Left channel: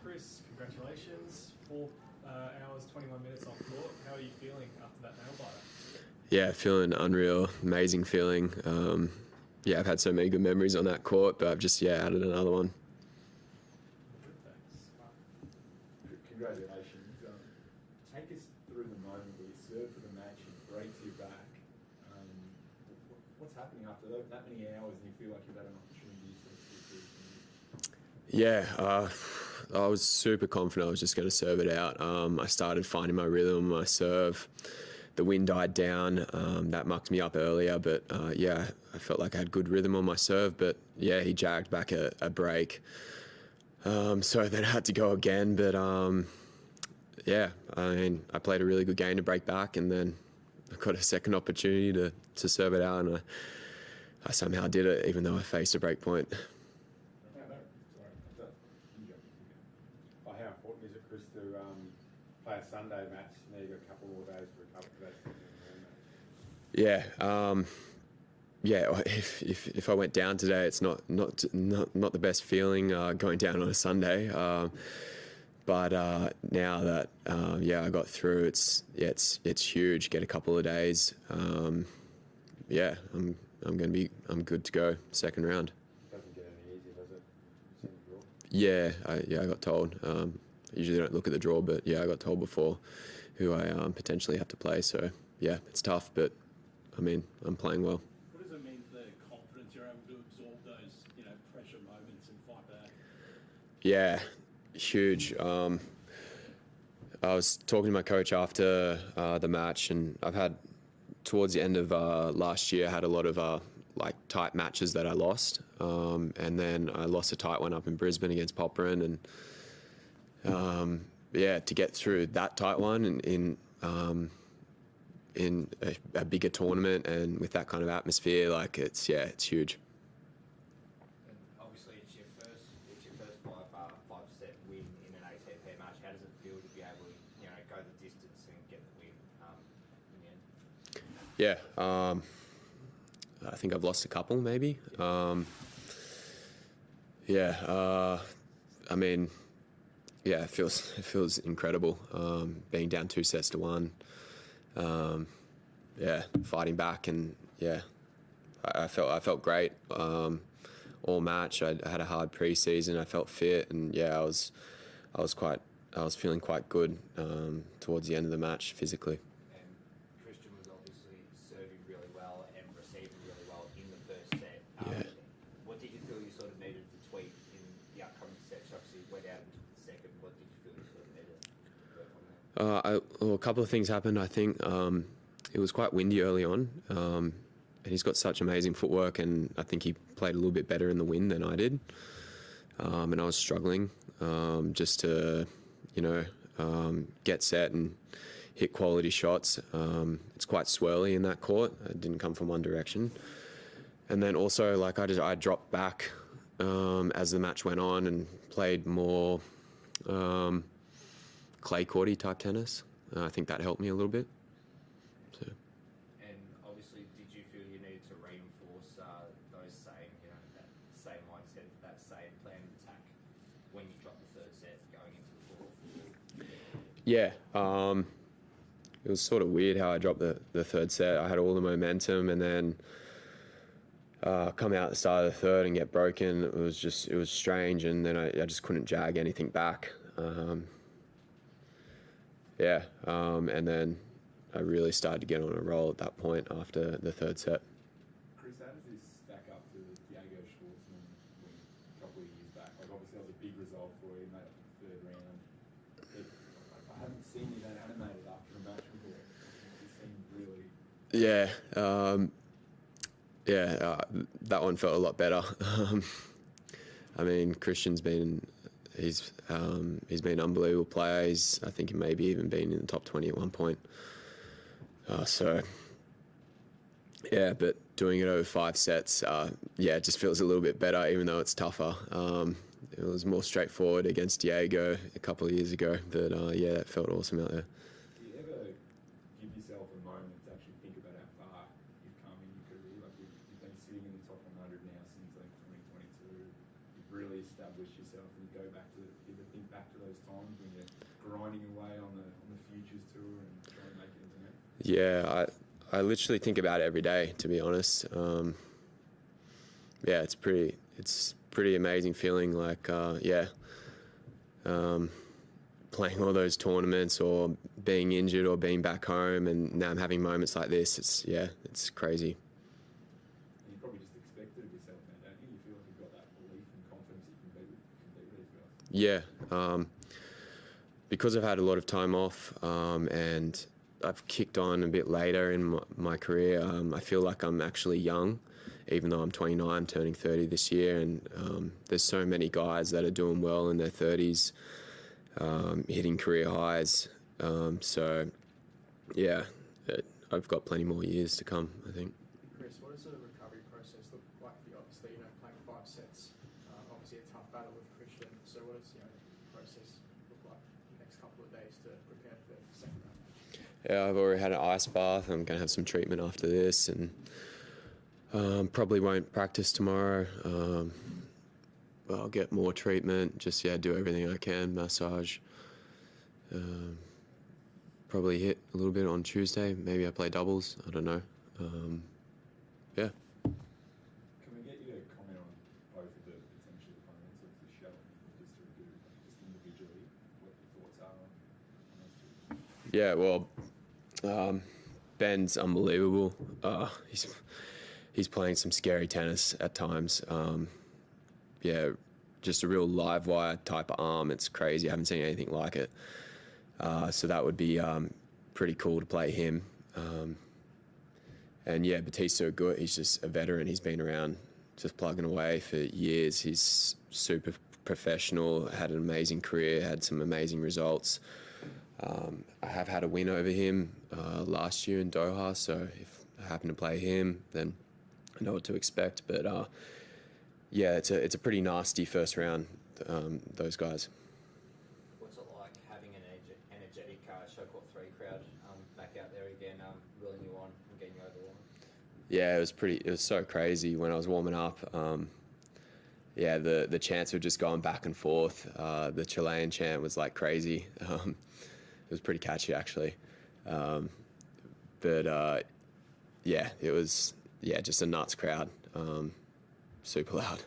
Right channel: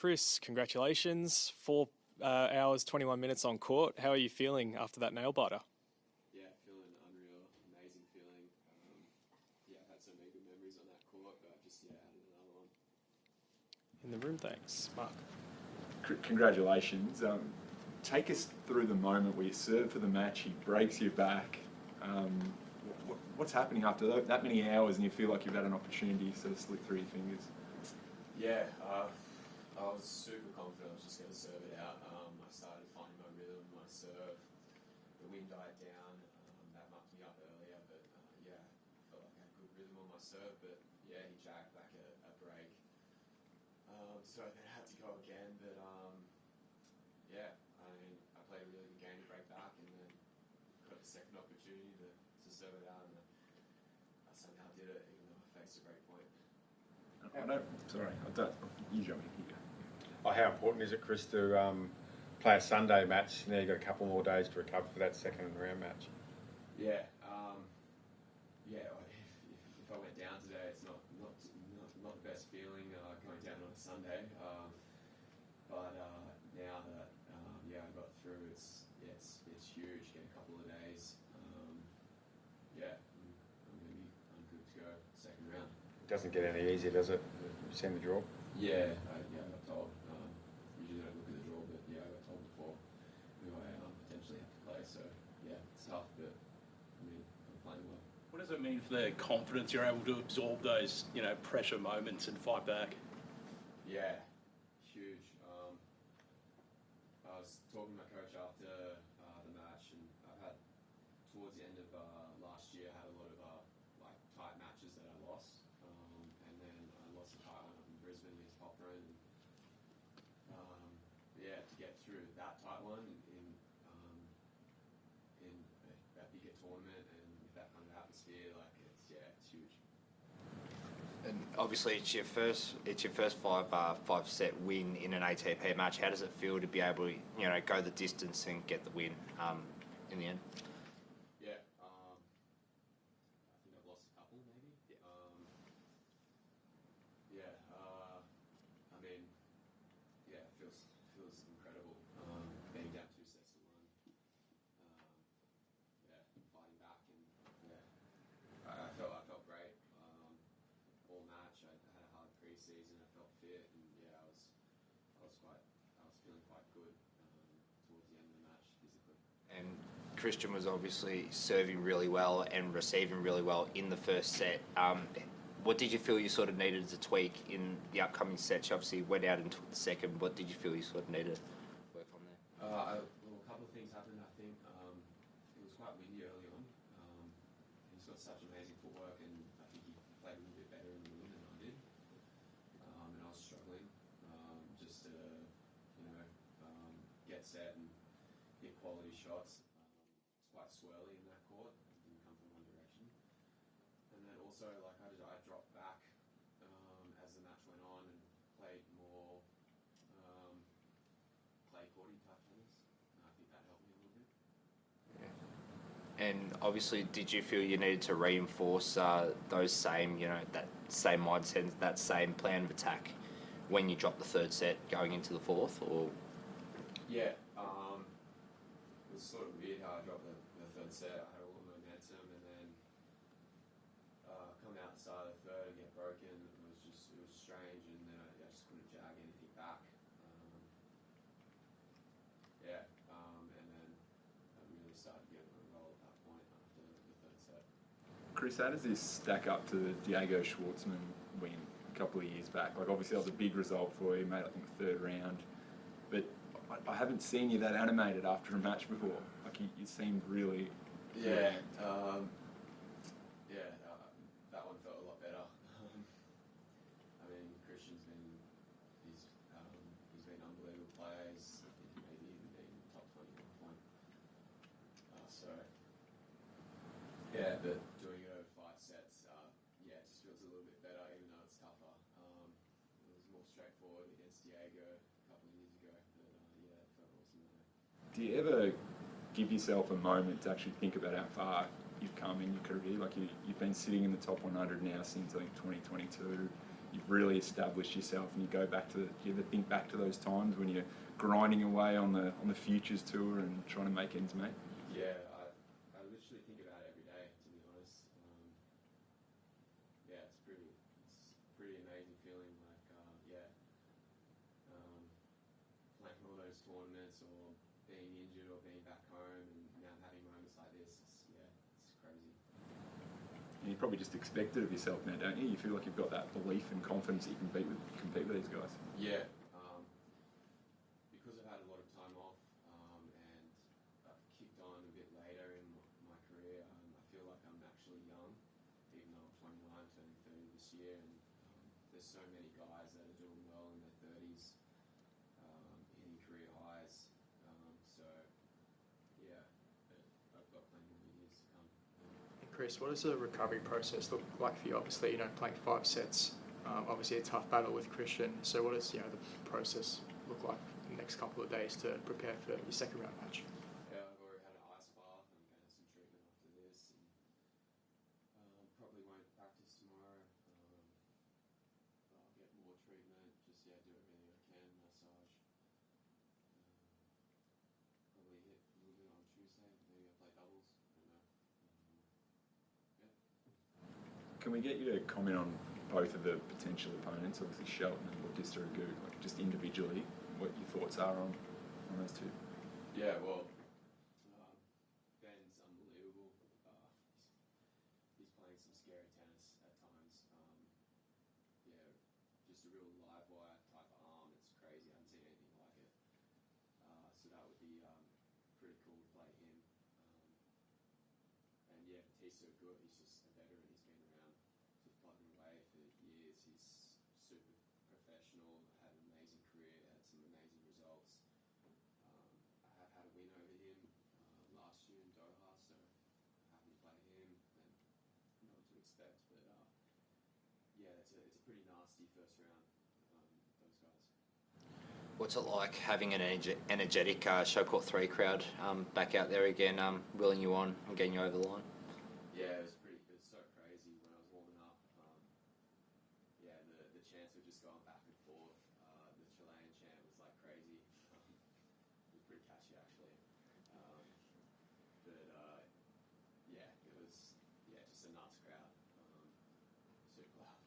Chris, congratulations. 4 hours, 21 minutes on court. How are you feeling after that nail biter? Yeah, feeling unreal, amazing feeling. I've had so many good memories on that court, but I've just added another one. In the room, thanks. Mark. Congratulations. Take us through the moment where you serve for the match, he breaks your back. What's happening after that many hours and you feel like you've had an opportunity to sort of slip through your fingers? Yeah, I was super confident I was just going to serve it out. I started finding my rhythm, my serve. The wind died down. That mucked me up earlier, but I felt like I had good rhythm on my serve. But he jagged back a break. So then I had to go again. But I played a really good game to break back, and then I got a second opportunity to serve it out, and I somehow did it, even though I faced a break point. You jump in. How important is it, Chris, to play a Sunday match? Now you've got a couple more days to recover for that second round match. If I went down today, it's not the best feeling going down on a Sunday. But now that I got through, it's huge. Get a couple of days. I'm good to go second round. It doesn't get any easier, does it? You seen the draw? I got told. Usually don't look at the draw, but I got told before who I potentially have to play. So it's tough, but I mean I'm playing well. What does it mean for their confidence? You're able to absorb those pressure moments and fight back. Yeah, huge. I was talking to my coach after the match, and I've had towards the end of last year had a lot of tight matches that I lost, and then I lost a tight one up in Brisbane against Popperin, and to get through that tight one in a bigger tournament and with that kind of atmosphere, it's huge. And obviously, it's your first five set win in an ATP match. How does it feel to be able to go the distance and get the win in the end? I think I've lost a couple, maybe. It feels incredible being down 2-1. Fighting back, and I felt great all match. I had a hard pre-season. I felt fit, and I was feeling quite good towards the end of the match physically. Cristian was obviously serving really well and receiving really well in the first set. What did you feel you sort of needed to tweak in the upcoming sets? You obviously went out and took the second. What did you feel you sort of needed? A couple of things happened. I think it was quite windy early on, and he's got such amazing footwork, and I think he played a little bit better in the wind than I did. And I was struggling just to, get set and hit quality shots. It's quite swirly in that court. It didn't come from one direction. And then also, I dropped back as the match went on and played more clay courty type tennis. I think that helped me a little bit. So. And obviously, did you feel you needed to reinforce those same, that same mindset, that same plan of attack when you dropped the third set going into the fourth? Or it was sort of weird how I dropped the third set. I had all the momentum, and then come out at the start of the third and get broken. It was strange, and then I just couldn't jag anything back. And then I really started to get on a roll at that point after the third set. Chris, how does this stack up to the Diego Schwartzman win a couple of years back? Obviously that was a big result for you, made I think the third round, but I haven't seen you that animated after a match before. You seemed really... That one felt a lot better. Cristian's been he's been an unbelievable player. I think he maybe even been in the top 20 at one point. But doing it over 5 sets, it just feels a little bit better, even though it's tougher. It was more straightforward against Diego a couple of years ago, but it felt awesome out there. Do you ever give yourself a moment to actually think about how far you've come in your career? You've been sitting in the top 100 now since I think 2022. you've really established yourself, and you go back to, you ever think back to those times when you're grinding away on the Futures Tour and trying to make ends meet? Yeah, I literally think about it every day, to be honest. Yeah, it's pretty amazing feeling, like, playing all those tournaments or being injured or being back home, and now I'm having moments like this. It's crazy. You probably just expect it of yourself now, don't you? You feel like you've got that belief and confidence that you can compete with these guys. Yeah, because I've had a lot of time off, and I've kicked on a bit later in my career. I feel like I'm actually young, even though I'm 29, turning 30 this year, and there's so many guys that are doing well in their 30s, hitting career highs. So, yeah, I've got plenty more years to come, I think. Chris, what does the recovery process look like for you? Obviously, playing 5 sets, obviously a tough battle with Cristian. So what does, the process look like the next couple of days to prepare for your second round match? Yeah, I've already had an ice bath. I'm going to have some treatment after this, and probably won't practice tomorrow. I'll get more treatment, just, do everything I can, massage. Probably hit a little bit on Tuesday. Maybe I play doubles. I don't know. Yeah. Can we get you to comment on both of the potential opponents, obviously Shelton and Bautista Agut, like just individually, what your thoughts are on those two? Yeah, well, Ben's unbelievable. He's playing some scary tennis at times. Just a real live wire type of arm. It's crazy. I haven't seen anything like it. So that would be pretty cool to play him. And Bautista Agut, he's just a veteran. He's been around just plugging away for years. He's super professional, had an amazing career, had some amazing results. I have had a win over him last year in Doha, so if I happen to play him, then I know what to expect. But it's a pretty nasty first round, those guys. What's it like having an energetic show court 3 crowd back out there again, willing you on and getting you over the line? Yeah, it was so crazy when I was warming up. The chants were just going back and forth. The Chilean chant was like crazy. It was pretty catchy, actually. It was just a nuts crowd. Super loud.